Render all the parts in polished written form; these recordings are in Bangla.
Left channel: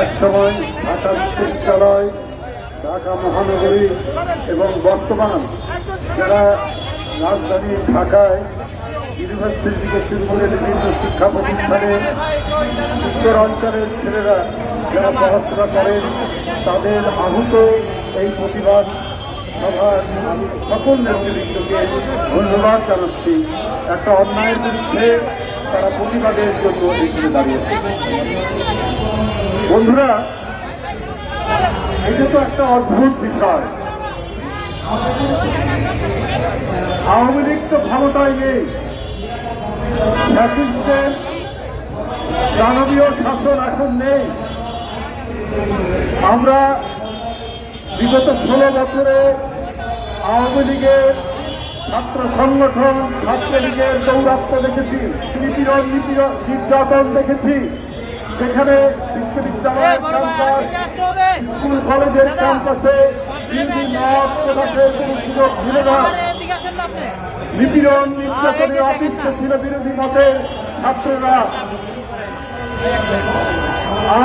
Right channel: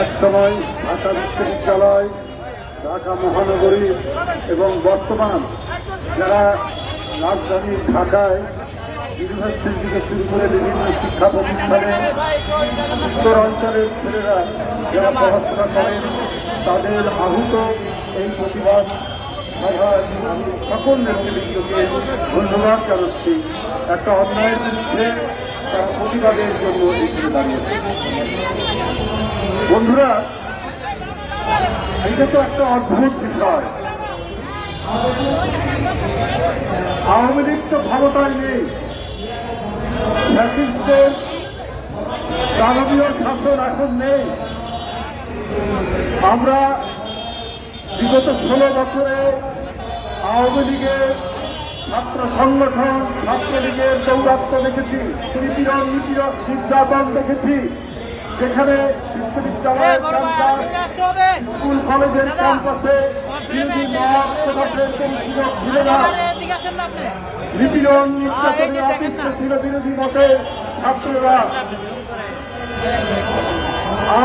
এক সময় ঢাকা বিশ্ববিদ্যালয়, ঢাকা মহানগরী এবং বর্তমান যারা রাজধানী ঢাকায় ইউনিভার্সিটি থেকে শুরু করে বিভিন্ন শিক্ষা প্রতিষ্ঠানে উত্তর অঞ্চলের ছেলেরা যারা পড়াশোনা করেন তাদের আহত এই প্রতিবাদ সকল নেতৃবৃন্দকে ধন্যবাদ জানাচ্ছি। একটা অন্যায়ের বিরুদ্ধে তারা প্রতিবাদের জন্য এখানে দাঁড়িয়েছে। বন্ধুরা, এটা তো একটা অদ্ভুত বিষয়। আওয়ামী লীগ তো ক্ষমতায় নেই, ফ্যাসিস্টদের দানবীয় শাসন এখন নেই। আমরা বিগত 16 বছরে আওয়ামী লীগের ছাত্র সংগঠন, ছাত্রলীগের দৌরাত্ম্য দেখেছি, নিপীড়ন নির্যাতন দেখেছি, যেখানে বিশ্ববিদ্যালয়, স্কুল কলেজের ক্যাম্পাসে নিপীড়ন নির্যাতনে অতিষ্ঠ ছিল বিরোধী মতের ছাত্ররা।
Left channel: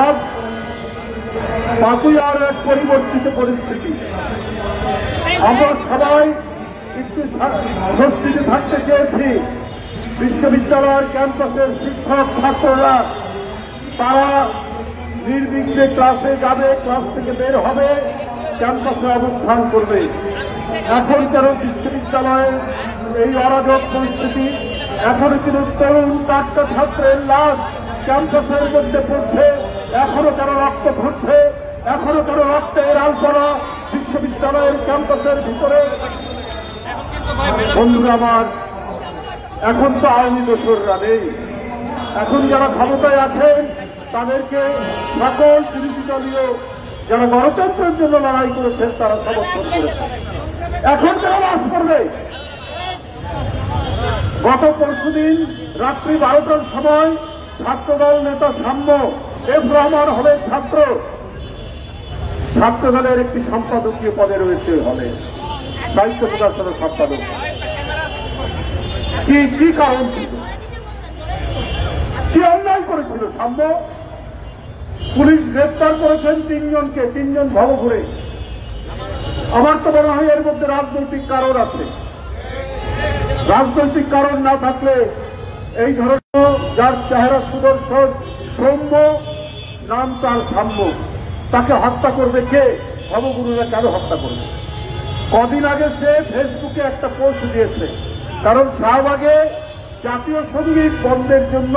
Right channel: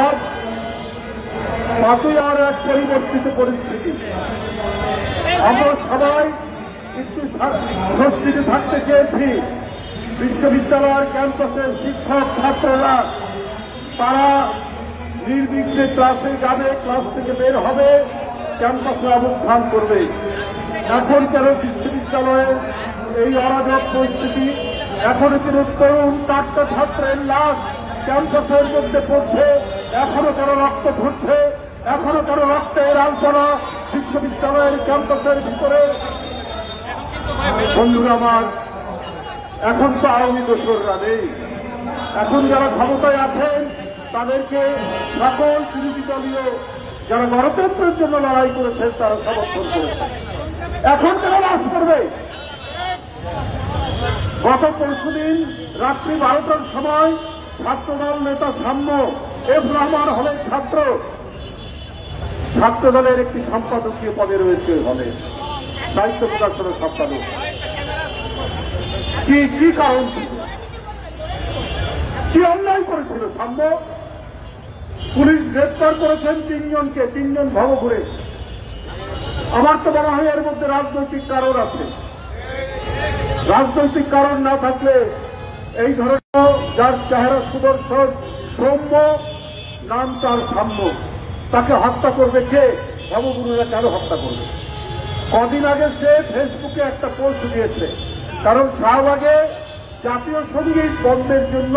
আজ তাতেই আরো এক পরিবর্তিত পরিস্থিতি। আমরা সবাই একটু স্বস্তিতে থাকতে চেয়েছি। বিশ্ববিদ্যালয়ের ক্যাম্পাসের শিক্ষক ছাত্ররা তারা নির্বিঘ্নে ক্লাসে যাবে, ক্লাস থেকে বের হবে, ক্যাম্পাসে অবস্থান করবে। এখন কেন বিশ্ববিদ্যালয়ের এই অরাজক পরিস্থিতি? এখনো কিন্তু তরুণ 4টা ছাত্রের লাশ ক্যাম্পাসের মধ্যে পড়ছে, এখনো কেন রক্ত ঘুরছে, এখনো কেন রক্তের আলোচনা বিশ্ববিদ্যালয়ের ক্যাম্পাসের ভিতরে? বন্ধুরা আমার, এখন তো আওয়ামী দোসররা নেই। এখন যারা ক্ষমতায় আছেন তাদেরকে সকল বিরোধী দলীয় যারা গণতন্ত্রের জন্য লড়াই করেছেন তারা সমর্থন করেছেন। এখন যারা লাশ পড়বে, গত পরশুদিন রাত্রি 12টার সময় ছাত্রদল নেতা সাম্য এফ রহমান হলেন ছাত্রদলের একটি সম্পাদকীয় পদে রয়েছে, হলে সাহিত্য প্রকাশনের সম্পাদক। কি কারণ ছিল? কি অন্যায় করেছিল সাম্য? পুলিশ গ্রেপ্তার করেছেন 3 জনকে, 3 জন ভবঘুরে। আমার তো মনে হয় এর মধ্যে রাজনৈতিক কারণ আছে। রাজনৈতিক কারণ না থাকলে এই ধরনের, যার চেহারা সুদর্শন, সৌম্য, নাম তার সাম্য, তাকে হত্যা করবে কে? ভবগুরুরা কেন হত্যা করবে? কদিন আগে সে ফেসবুকে একটা পোস্ট দিয়েছে, কারণ শাহবাগে জাতীয় সঙ্গীত বন্ধের জন্য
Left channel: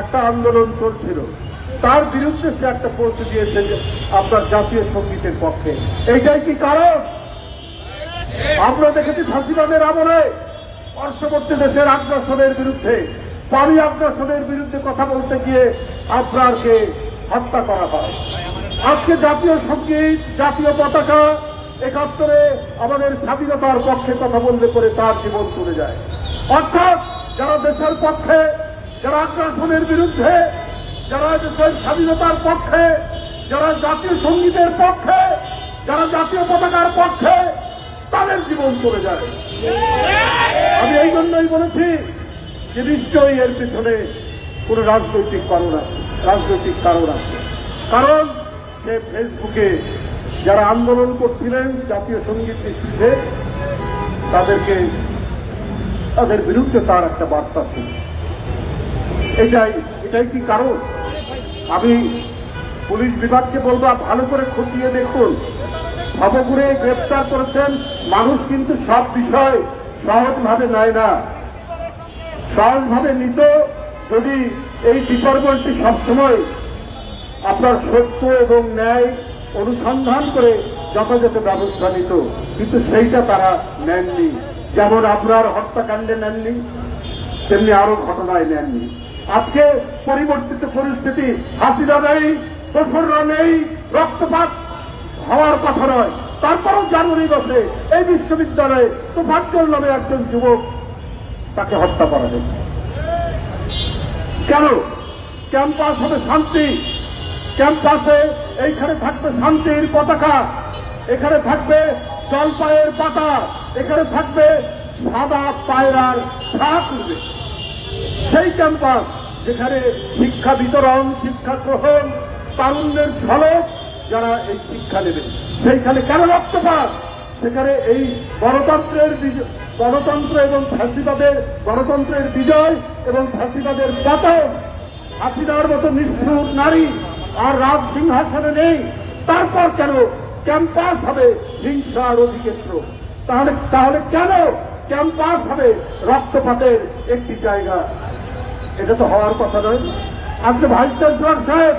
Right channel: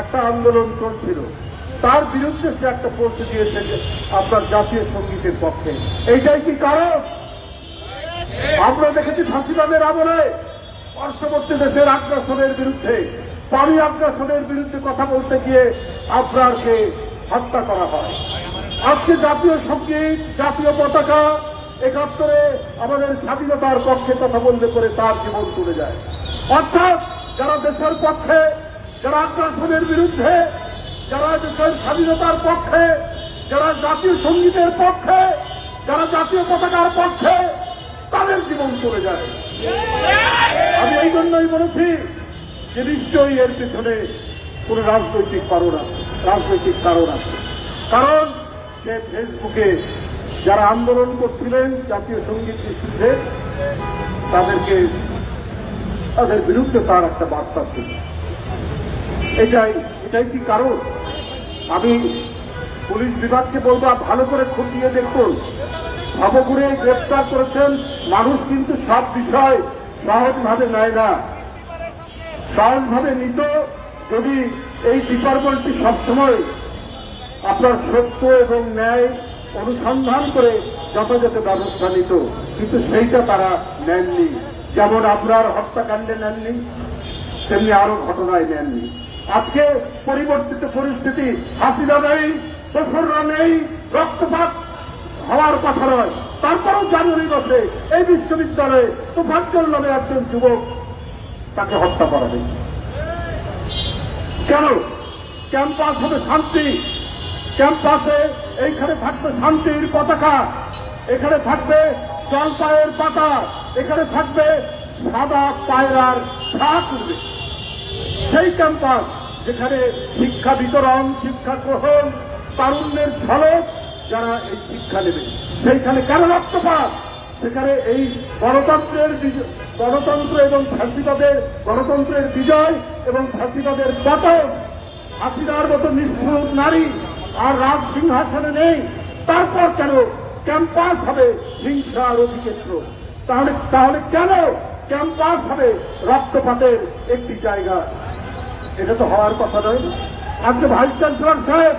একটা আন্দোলন চলছিল, তার বিরুদ্ধে সে একটা পোস্ট দিয়েছে আপনার জাতীয় সঙ্গীতের পক্ষে। এইটাই কি কারণ? আমরা দেখেছি ফাঁসিবাদের আমলে পার্শ্ববর্তী দেশের আগ্রাসনের বিরুদ্ধে, পানি আগ্রাসনের বিরুদ্ধে কথা বলতে গিয়ে আপনারকে হত্যা করা হয়। আজকে জাতীয় সঙ্গীত, জাতীয় পতাকা, 71-এ আমাদের স্বাধীনতার পক্ষে কথা বলতে করে তার জীবন চলে যায়। অর্থাৎ যারা দেশের পক্ষে, যারা আগ্রাসনের বিরুদ্ধে, যারা দেশের স্বাধীনতার পক্ষে, যারা জাতীয় সঙ্গীতের পক্ষে, যারা জাতীয় পতাকার পক্ষে, তাদের জীবন চলে যায়। আমি এই জন্যই বলেছি যে নিশ্চয়ই এর পিছনে কোন রাজনৈতিক কারণ আছে, কারণ সে ফেসবুকে যারা আন্দোলন করছিলেন জাতীয় সঙ্গীত নিষিদ্ধে, তাদের বিরুদ্ধে তার একটা বার্তা ছিল। এটাই কি কারণ? আমি পুলিশ বিভাগকে বলবো, ভালো করে খতিয়ে দেখুন। ভবঘুরে গ্রেপ্তার করেছেন মানুষ, কিন্তু সব বিষয় সহজভাবে নেয় না। সহজভাবে নিত যদি এই ডিপার্টমেন্টটি সবসময় আপনার সত্য এবং ন্যায় অনুসন্ধান করে যথাযথ ব্যবস্থা নিত, কিন্তু সেইটা তারা নেননি। যেমন আপনার হত্যাকাণ্ডে নেননি, তেমনি আরো ঘটনায় নেননি। আজকে পরিবর্তিত পরিস্থিতি, হাসিনা নেই, দোসররা নেই, রক্তপাত হওয়ার কথা নয়, তারপরও জানুয়ারি মাসে এই বিশ্ববিদ্যালয়ে তোফাজ্জল নামে একজন যুবক, তাকে হত্যা করা হয়েছে। কেন? ক্যাম্পাস হবে শান্তি, ক্যাম্পাসে এইখানে থাকবে শান্তির পতাকা, এখানে থাকবে জলপাইয়ের পাতা, এখানে থাকবে সাদা পায়রার ছাপ উঠবে। সেই ক্যাম্পাস যেখানে শিক্ষা বিতরণ, শিক্ষা গ্রহণ, তারুণ্যের ঝলক যারা এই শিক্ষা নেবে। সেইখানে কেন রক্তপাত? সেখানে এই গণতন্ত্র এবং ফ্যাসিবাদের গণতন্ত্রের বিজয় এবং ফ্যাসিবাদের পতন, হাসিনার মতো নিষ্ঠুর নারী আর রাজ সিংহাসনে নেই। তারপর কেন ক্যাম্পাস হবে হিংসার অধিক্ষেত্র? তাহলে কেন ক্যাম্পাস হবে রক্তপাতের একটি জায়গা? এটা তো হওয়ার কথা নয়। আজকে ভাইস চ্যান্সেলর সাহেব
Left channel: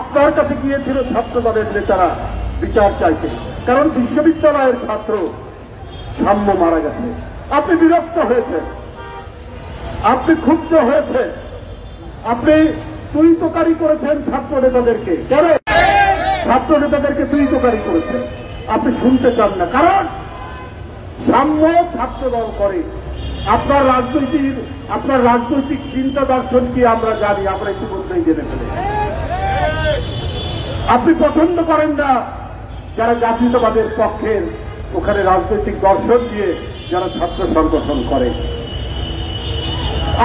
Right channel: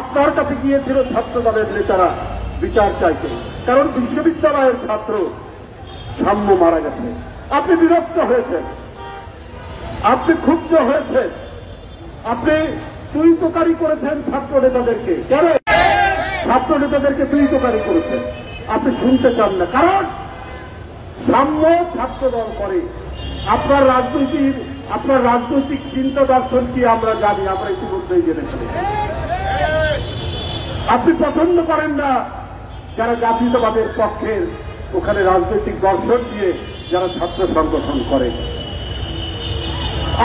আপনার কাছে গিয়েছিল ছাত্রদলের নেতারা বিচার চাইতে, কারণ বিশ্ববিদ্যালয়ের ছাত্র সাম্য মারা গেছে। আপনি বিরক্ত হয়েছেন, আপনি ক্ষুব্ধ হয়েছেন, আপনি তুই তোকারি করেছেন ছাত্র নেতাদেরকে। কেন ছাত্র নেতাদেরকে তুই তোকারি করেছেন? আপনি শুনতে চান না, কারণ সাম্য ছাত্রদল করে। আপনার রাজনৈতিক চিন্তা দর্শন কি আমরা জানি, আমরা ইতিমধ্যেই জেনে ফেলেছি। আপনি পছন্দ করেন না যারা জাতীয়তাবাদের পক্ষের ওখানে রাজনৈতিক দর্শন দিয়ে যারা ছাত্র সংগঠন করে।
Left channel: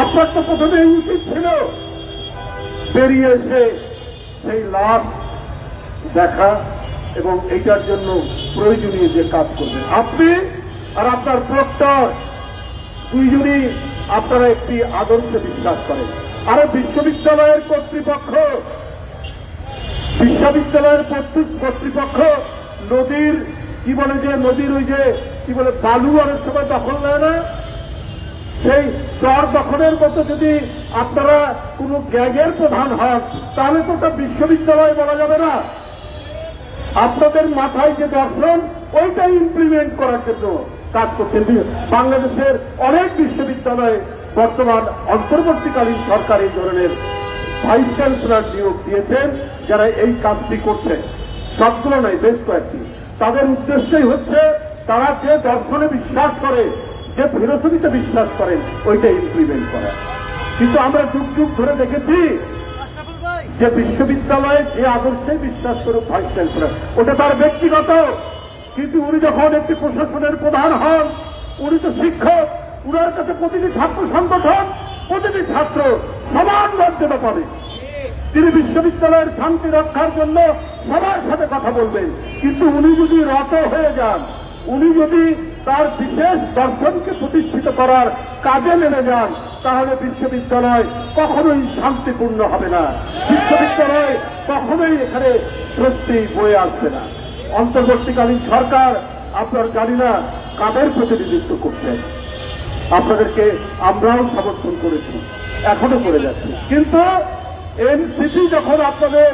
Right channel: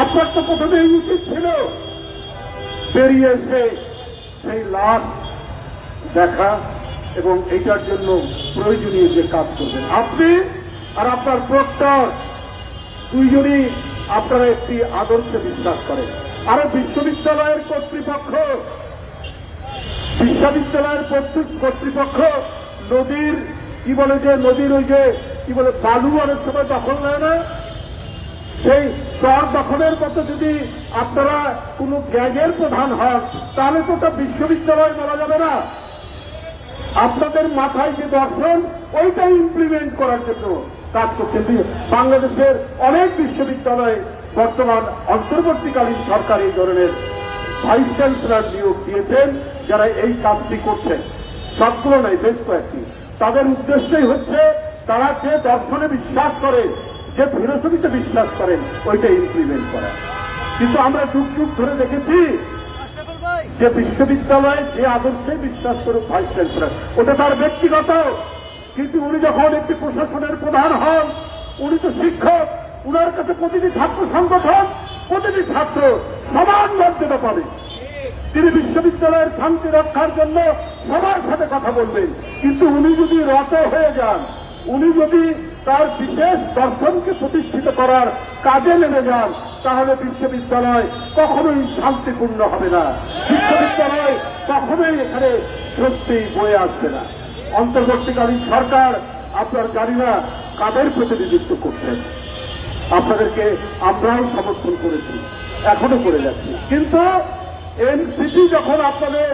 আপনার তো প্রথমে উচিত ছিল বেরিয়ে এসে সেই লাশ দেখা এবং এইটার জন্য প্রয়োজনীয় যে কাজ করবেন। আপনি আর আপনার প্রক্টর দুইজনই আপনারা একটি আদর্শে বিশ্বাস করেন। আর বিশ্ববিদ্যালয়ের কর্তৃপক্ষ নদীর নদীর ওই যে বালু অনেক সময় দখল নেয় না, সেই চর দখলের মতো যদি আপনারা কোন গ্যাংয়ের প্রধান হন তাহলে তো ওটা বিশ্ববিদ্যালয় বলা যাবে না। আপনাদের মাথায় যে দর্শন ওইটা ইমপ্লিমেন্ট করার জন্য কাজ করছেন। বাংলাদেশের অনেক বিশ্ববিদ্যালয়ে বর্তমান অন্তর্বর্তীকালীন সরকার এই ধরনের ভাইস চ্যান্সেলর নিয়োগ দিয়েছেন যারা এই কাজটি করছেন। সবগুলো নয়, বেশ কয়েকটি। তাদের উদ্দেশ্যই হচ্ছে তারা যে দর্শনে বিশ্বাস করে, যে ফিলোসফিতে বিশ্বাস করেন, ওইটা ইমপ্লিমেন্ট করা। কিন্তু আমরা যুগ যুগ ধরে দেখেছি যে বিশ্ববিদ্যালয়ে যে আদর্শে বিশ্বাস করে ভাইস চ্যান্সেলর, ওটা তার ব্যক্তিগত। কিন্তু উনি যখন একটি প্রশাসনের প্রধান হন, উনি তো শিক্ষক, উনার কাছে প্রতিটি ছাত্র সংগঠন, প্রতিটি ছাত্র সমান মর্যাদা পাবে। তিনি বিশ্ববিদ্যালয়ের শান্তি রক্ষার জন্য সবার সাথে কথা বলবেন। কিন্তু উনি যদি রত হয়ে যান, উনি যদি তার বিশেষ দর্শনকে প্রতিষ্ঠিত করার কাজে নেমে যান, তাহলে বিশ্ববিদ্যালয় কখনোই শান্তিপূর্ণ হবে না। বিশ্ববিদ্যালয় কখনোই এখানে স্বস্তি বয়ে আসবে না। অন্তর্বর্তীকালীন সরকার আপনার জানি না কাদের প্রতিনিধিত্ব করছেন, আপনাদেরকে আমরাও সমর্থন করেছি, এখনো করে যাচ্ছি। কিন্তু এনসিপি যখন আপনাদের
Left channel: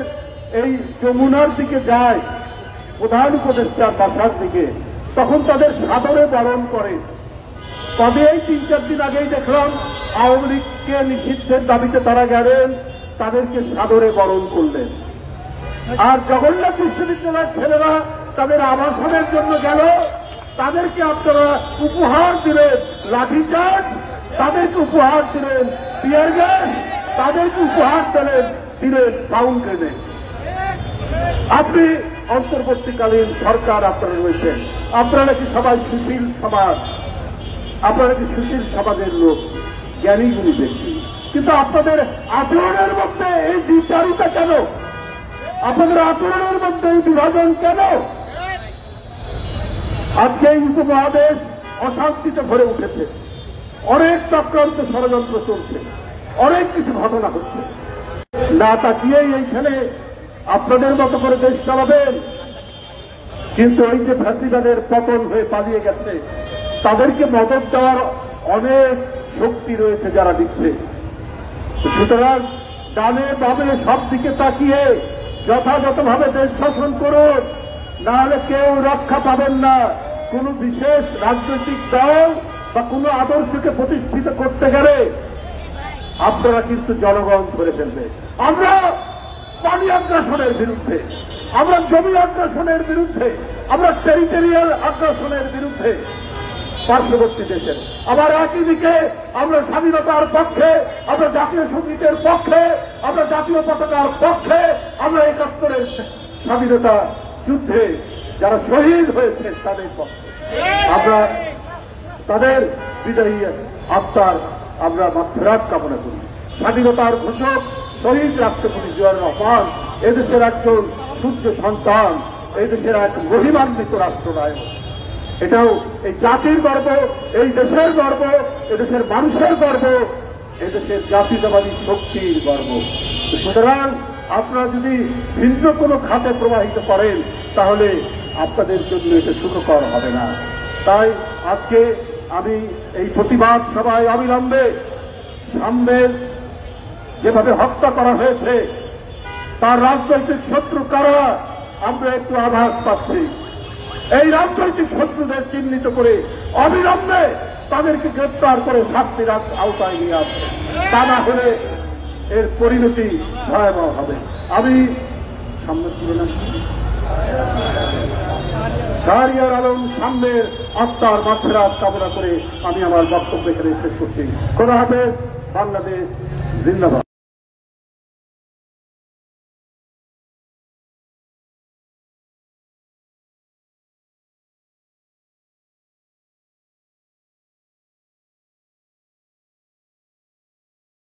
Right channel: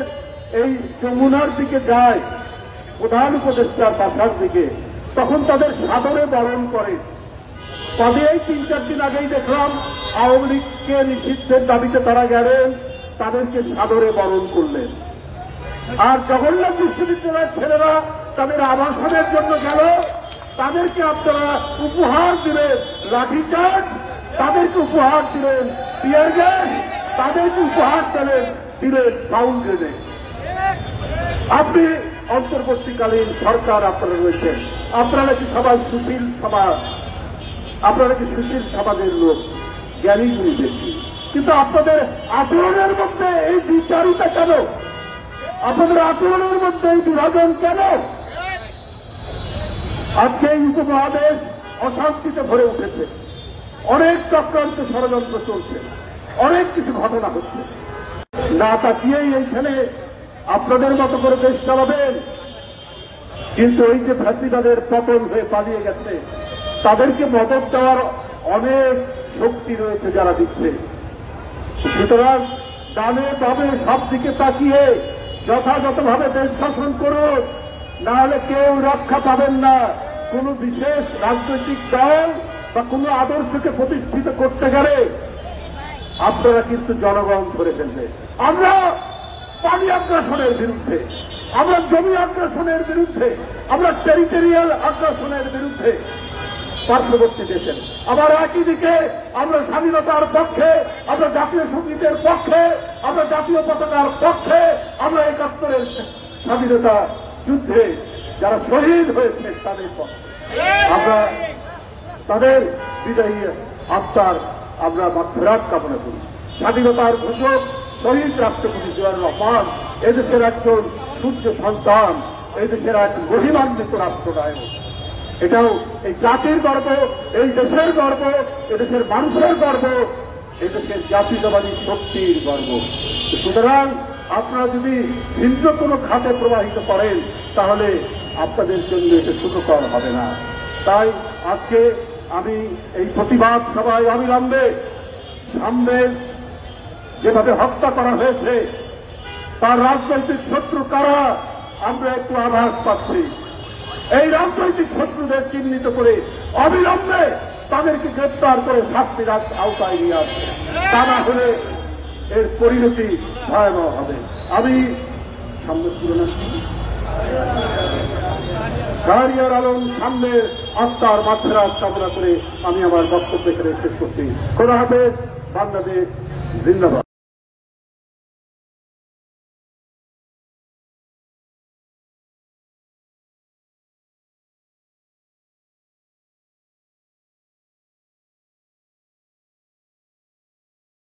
এই যমুনার দিকে যায়, প্রধান উপদেষ্টার বাসার দিকে, তখন তাদের সাদরে বরণ করে। তবে এই 3-4 দিন আগেই দেখলাম আওয়ামী লীগকে নিষিদ্ধের দাবিতে তারা গেলেন, তাদেরকে সাদরে বরণ করলেন। আর জগন্নাথ বিশ্ববিদ্যালয়ের ছেলেরা তাদের আবাসনের জন্য গেল, তাদেরকে আপনারা উপহার দিলেন লাঠিচার্জ, তাদেরকে উপহার দিলেন টিয়ার গ্যাস, তাদেরকে উপহার দিলেন সাউন্ড গ্রেনেড। আপনি অন্তর্বর্তীকালীন সরকার আপনারা রয়েছেন, আপনারা নাকি সবাই সুশীল সমাজ, আপনারা নাকি সুশীল সমাজের লোক, জ্ঞানীগুলি ব্যক্তি। কিন্তু আপনাদের আচরণের মধ্যে এই দ্বিচারিতা কেন? আপনাদের আচরণের মধ্যে এই বিভাজন কেন? আজকে এই উপমহাদেশ অশান্তিতে ভরে উঠেছে, অনেক চক্রান্ত ষড়যন্ত্র চলছে, অনেক কিছু ঘটনা হচ্ছে। না তাকিয়েই এইখানে আপনাদের মতো করে দেশ চালাবেন। কিন্তু এই যে ফ্যাসিবাদের পতন হয়ে পালিয়ে গেছে, তাদেরকে মদত দেওয়ার অনেক শক্তি রয়েছে যারা দিচ্ছে। সুতরাং ডানে বামে সব দিকে তাকিয়ে যথাযথভাবে দেশ শাসন করুন, না হলে কেউ রক্ষা পাবেন না। কোন বিশেষ রাজনৈতিক দল বা কোন আদর্শকে প্রতিষ্ঠিত করতে গেলে আপনারা কিন্তু জনগণ ধরে ফেলবে। আমরা পানি আগ্রাসনের বিরুদ্ধে, আমরা জমি আগ্রাসনের বিরুদ্ধে, আমরা টেরিটোরিয়াল আগ্রাসনের বিরুদ্ধে পার্শ্ববর্তী দেশের। আবার একই দিকে আমরা স্বাধীনতার পক্ষে, আমরা জাতীয় সঙ্গীতের পক্ষে, আমরা জাতীয় পতাকার পক্ষে, আমরা ৭১-এর স্বাধীনতা যুদ্ধে যারা শহীদ হয়েছে তাদের পক্ষে। আমরা তাদের বিদায়ী আত্মার আমরা ফেরত কামনা করি। স্বাধীনতার ঘোষক শহীদ রাষ্ট্রপতি জিয়াউর রহমান এদেশের একজন সূর্য সন্তান, এদেশের এক মহিমান্বিত রাষ্ট্রনায়ক। এটাও এই জাতির গর্ব, এই দেশের গর্ব, এদেশের মানুষের গর্ব, এদেশের জাতীয়তাবাদী শক্তির গর্ব। সুতরাং আপনারা যদি ভিন্ন কোনো খাতে প্রবাহিত করেন তাহলে আপনাদের জন্য এটা সুখকর হবে না। তাই আজকে আমি এই প্রতিবাদ সভায় অবিলম্বে সামনে যেভাবে হত্যা করা হয়েছে তার রাজনৈতিক শত্রু কারা আমরা একটু আভাস পাচ্ছি। এই রাজনৈতিক শত্রুদের চিহ্নিত করে অবিলম্বে তাদেরকে গ্রেপ্তার করে শাস্তির আওতায় নিয়ে আসবে, তা না হলে এর পরিণতি ভয়াবহ হবে। আমি শাহরিয়ার আলম সামনের আত্মার মাগফিরাত কামনা করে আমি আমার বক্তব্য এখানে শেষ করছি। খোদা হাফেজ। বাংলাদেশ জিন্দাবাদ।